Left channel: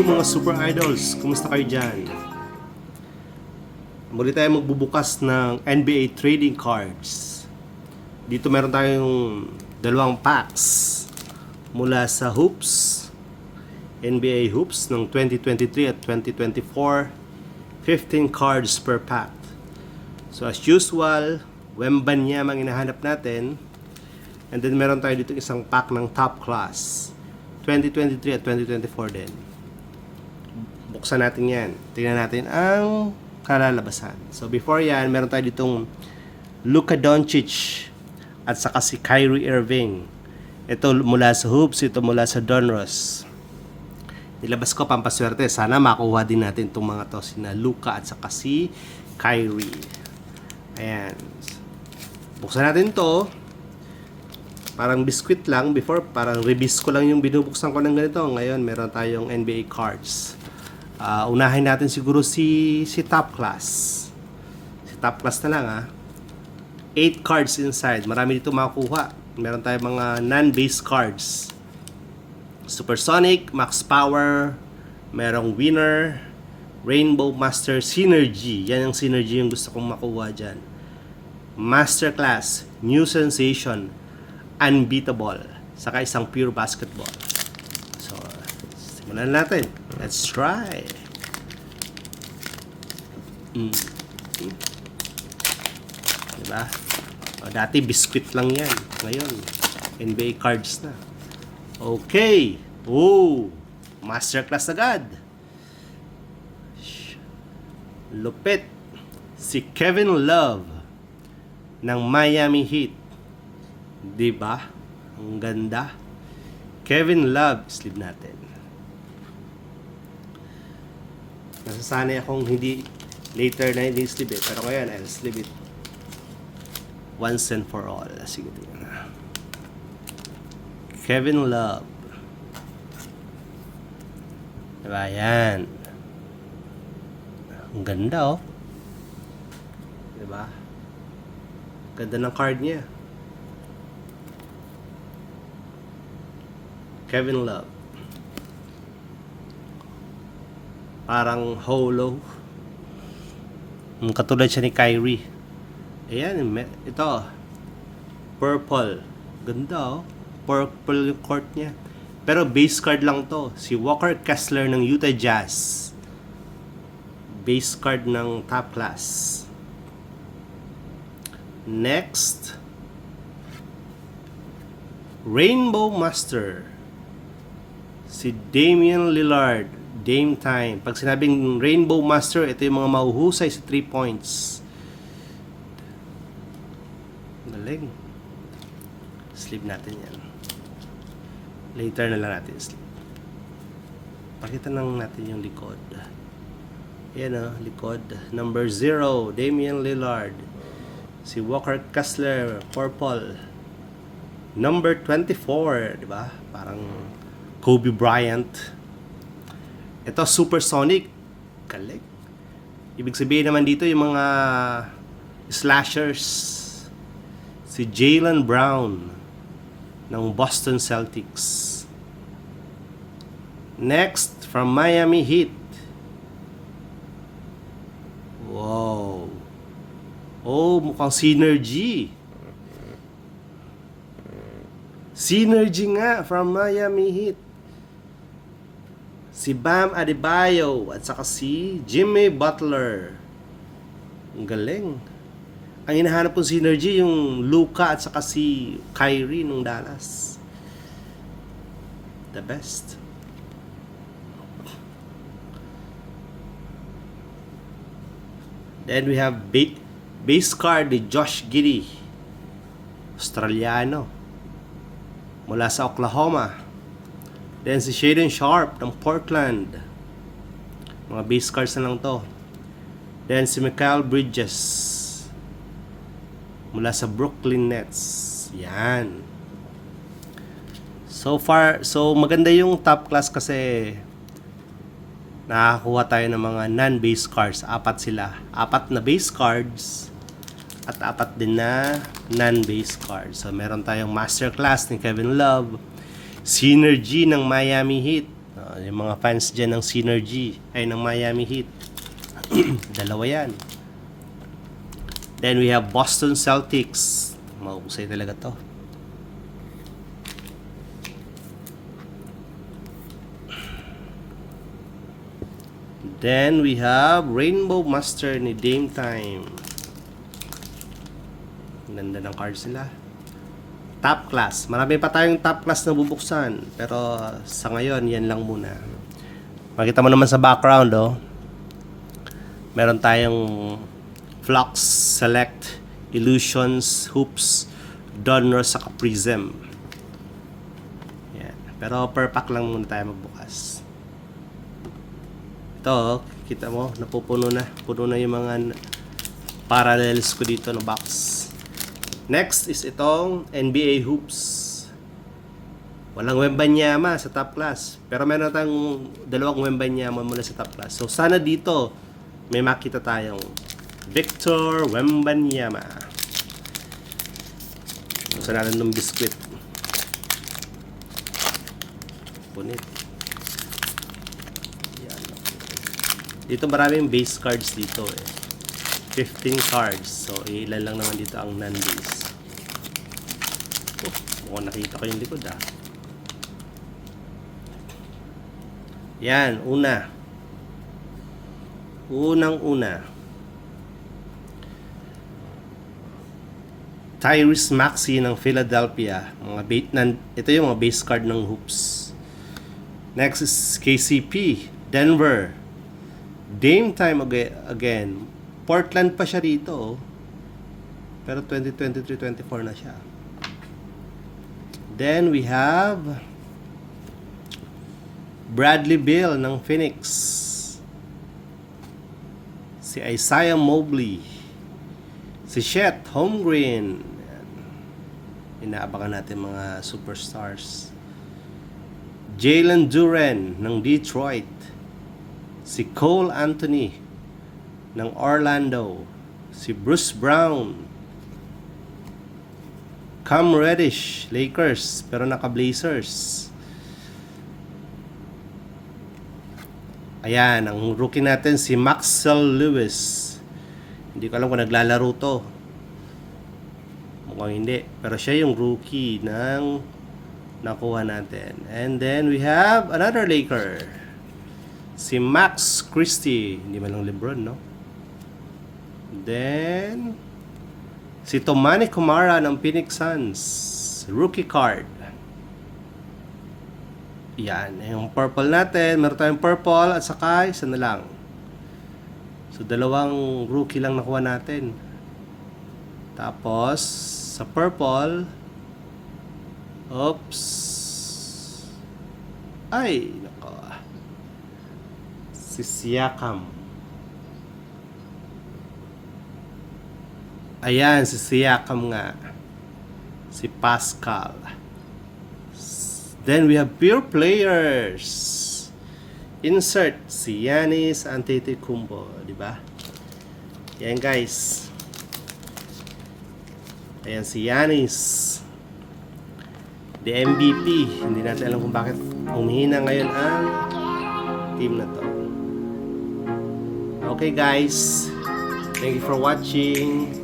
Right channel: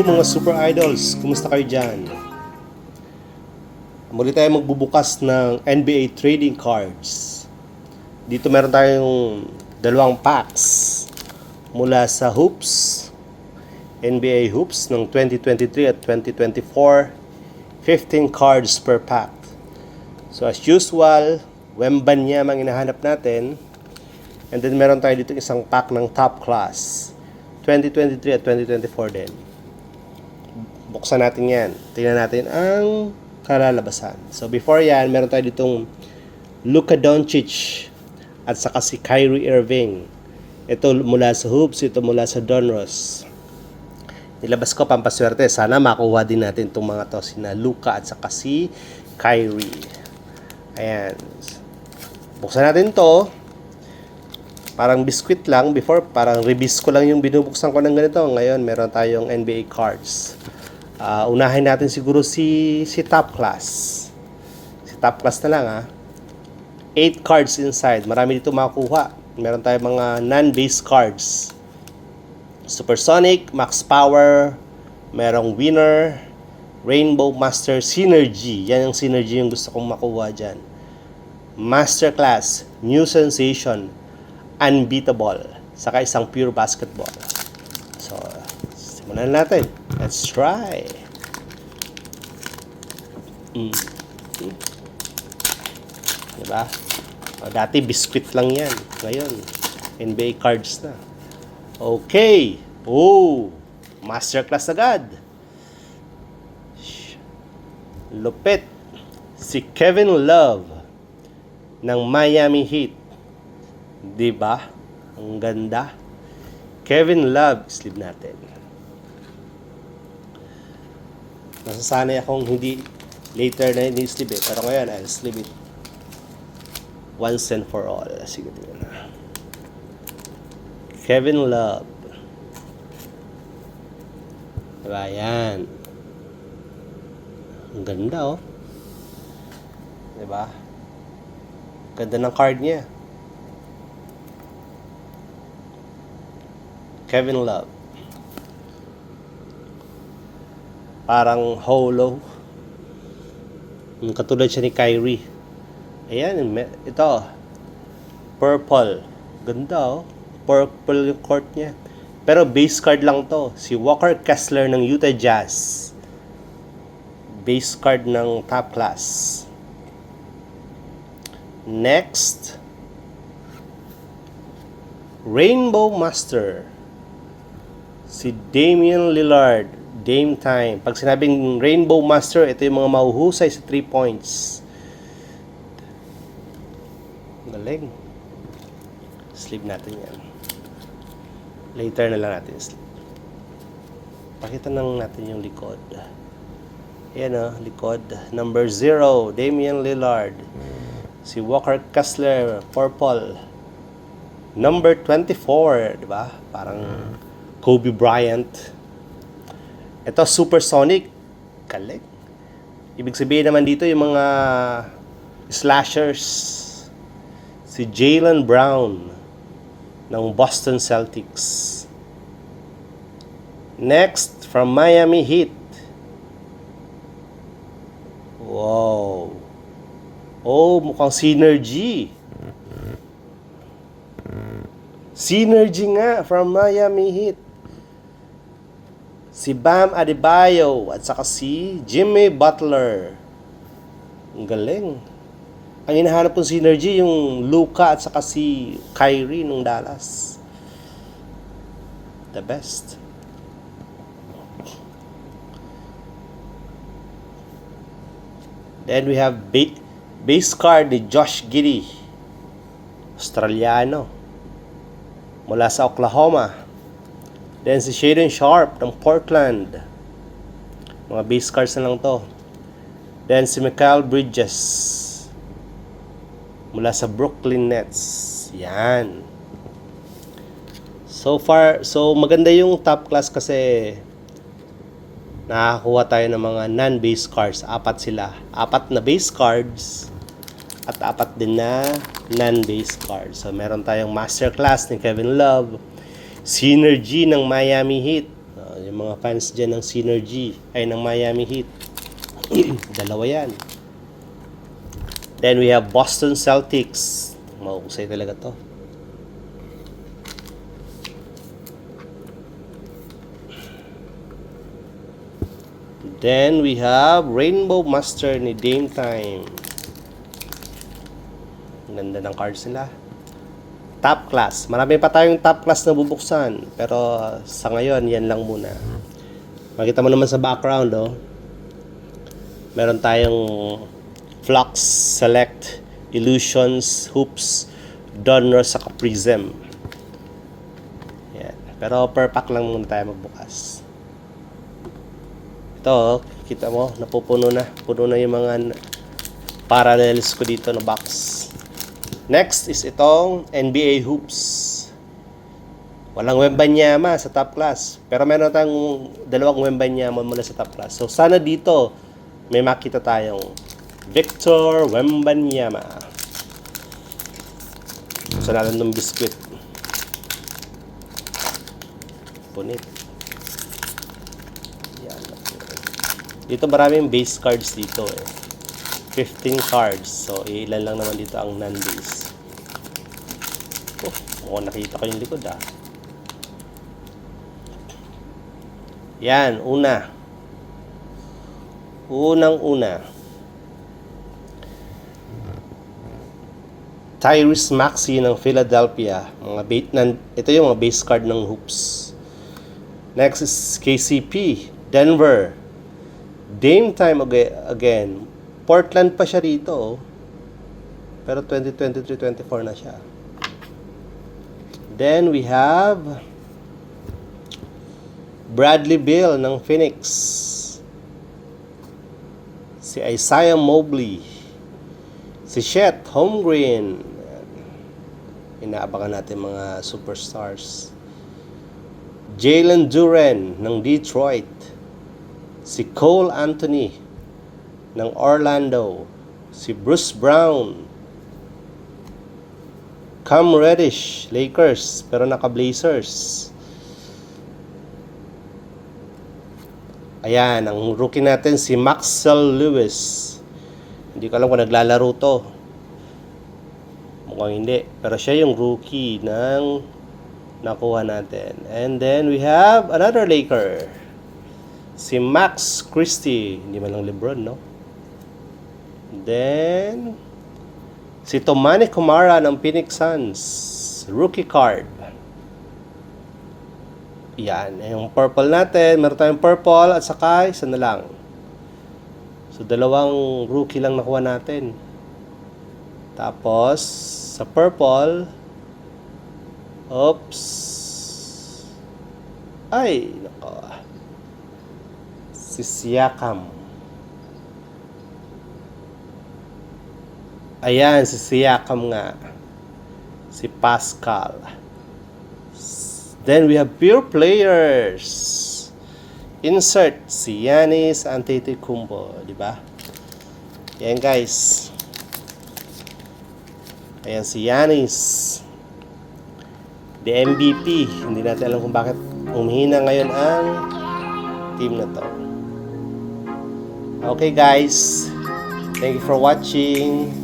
Hello mga super idols, kumusta kayo dyan? Muli tayo magbubukas ng NBA trading cards. Dito meron tayong dalawang packs mula sa Hoops, NBA Hoops ng 2023 at 2024, 15 cards per pack. So as usual, Wembanyama ang hinahanap natin. And then meron tayo dito isang pack ng top class 2023 at 2024 din. Buksan natin yan. Tingnan natin ang kalalabasan. So before yan, meron tayo ditong Luka Doncic at saka si Kyrie Irving. Ito mula sa Hoops, ito mula sa Donruss. Nilabas ko pampaswerte. Sana makuha din natin itong mga to, sina Luka at saka si Kyrie. Ayan. Buksan natin to. Parang biscuit lang. Before, parang rebis ko lang yung binubuksan ko ng ganito. Ngayon, meron tayong NBA cards. Unahin natin siguro si top class. Si top class na lang 8 cards inside. Marami dito makukuha. Meron tayong mga non-base cards. Supersonic, Max Power, merong Winner, Rainbow Master, Synergy. Yan yung Synergy yung gusto kong makuha dyan. Masterclass, New Sensation, Unbeatable, saka isang Pure Basketball. So, simulan natin. Let's try. Diba? Dati biscuit lang yan. Ngayon, NBA cards na. Okay. Masterclass agad. Lupit. Si Kevin Love ng Miami Heat. Diba? Ang ganda. Kevin Love. Sleeve natin. Nasasanay akong hindi later na hindi sleeve eh. Pero ngayon, I'll sleeve it once and for all. Sige na. Kevin Love. Diba? Yan. Ang ganda oh. Diba? Ganda ng card niya. Kevin Love. Parang hollow. Katulad siya ni Kyrie. Ayan, ito. Purple. Ganda oh. Purple yung court niya. Pero base card lang to. Si Walker Kessler ng Utah Jazz. Base card ng top class. Next. Rainbow Master. Si Damian Lillard. Dame time. Pag sinabing Rainbow Master, ito yung mga mahuhusay sa 3 points. Galing. Sleeve natin yan. Later na lang natin sleeve. Pakita lang natin yung likod. Ayan o, likod. Number 0, Damian Lillard. Si Walker Kessler, purple. Number 24, diba? Parang Kobe Bryant. Ito, Supersonic. Galing. Ibig sabihin naman dito yung mga slashers. Si Jaylen Brown ng Boston Celtics. Next, from Miami Heat. Wow. Mukhang Synergy. Synergy nga from Miami Heat. Si Bam Adebayo at saka si Jimmy Butler. Ang galing. Ang hinahanap kong synergy yung Luka at saka si Kyrie nung Dallas. The best. Then we have base card ni Josh Giddey. Australiano. Mula sa Oklahoma. Then si Shaedon Sharpe ng Portland. Mga base cards na lang to. Then si Mikal Bridges mula sa Brooklyn Nets. Yan. So maganda yung top class kasi nakakuha tayo ng mga non-base cards. 4 sila. 4 na base cards at 4 din na non-base cards. So meron tayong masterclass ni Kevin Love. Synergy ng Miami Heat. yung mga fans dyan ng Synergy, ay ng Miami Heat. Dalawa yan. Then we have Boston Celtics. Mahusay talaga to. Then we have Rainbow Master ni Dame Time. Ganda ng cards nila. Top class. Marami pa tayong top class na bubuksan. Pero sa ngayon, yan lang muna. Makita mo naman sa background, oh. Meron tayong Flux, Select, Illusions, Hoops, Donruss, saka Prism. Yan. Pero per pack lang muna tayo magbukas. Ito, kita mo, napupuno na. Puno na yung mga parallels ko dito na box. Next is itong NBA Hoops. Walang Wembanyama sa top class. Pero meron tayong dalawang Wembanyama muna sa top class. So sana dito may makita tayong Victor Wembanyama. Gusto natin ng biskwit. Punit. Yan. Dito maraming base cards dito eh. 15 cards. So ilan lang naman dito ang non-base. Mukhang nakita ko yung likod ah. Yan, una. Unang-una. Tyrese Maxey ng Philadelphia. Ito yung mga base card ng Hoops. Next is KCP, Denver. Dame Time again. Portland pa siya rito. Oh. Pero 2023-24 na siya. Then we have Bradley Beal ng Phoenix. Si Isaiah Mobley. Si Chet Holmgren. Inaabangan natin mga superstars. Jalen Duren ng Detroit. Si Cole Anthony ng Orlando. Si Bruce Brown. Cam Reddish, Lakers, pero naka-Blazers. Ayan, ang rookie natin si Maxwell Lewis. Hindi ko alam kung naglalaro to. Mukhang hindi. Pero siya yung rookie ng nakuha natin. And then we have another Laker. Si Max Christie. Hindi man lang LeBron, no? Then si Tomani Kumara ng Phoenix Suns. Rookie card. Yan. Yung purple natin. Meron tayong purple at saka isa na lang. So, dalawang rookie lang nakuha natin. Tapos, sa purple, oops. Ay, nako. Si Siakam. Ayan, si Siakam nga. Si Pascal. Then we have pure players. Insert si Giannis Antetokounmpo, di ba? Yan guys. Ayan si Giannis. The MVP. Hindi natin alam kung bakit umihina ngayon ang team na to. Okay guys. Thank you for watching.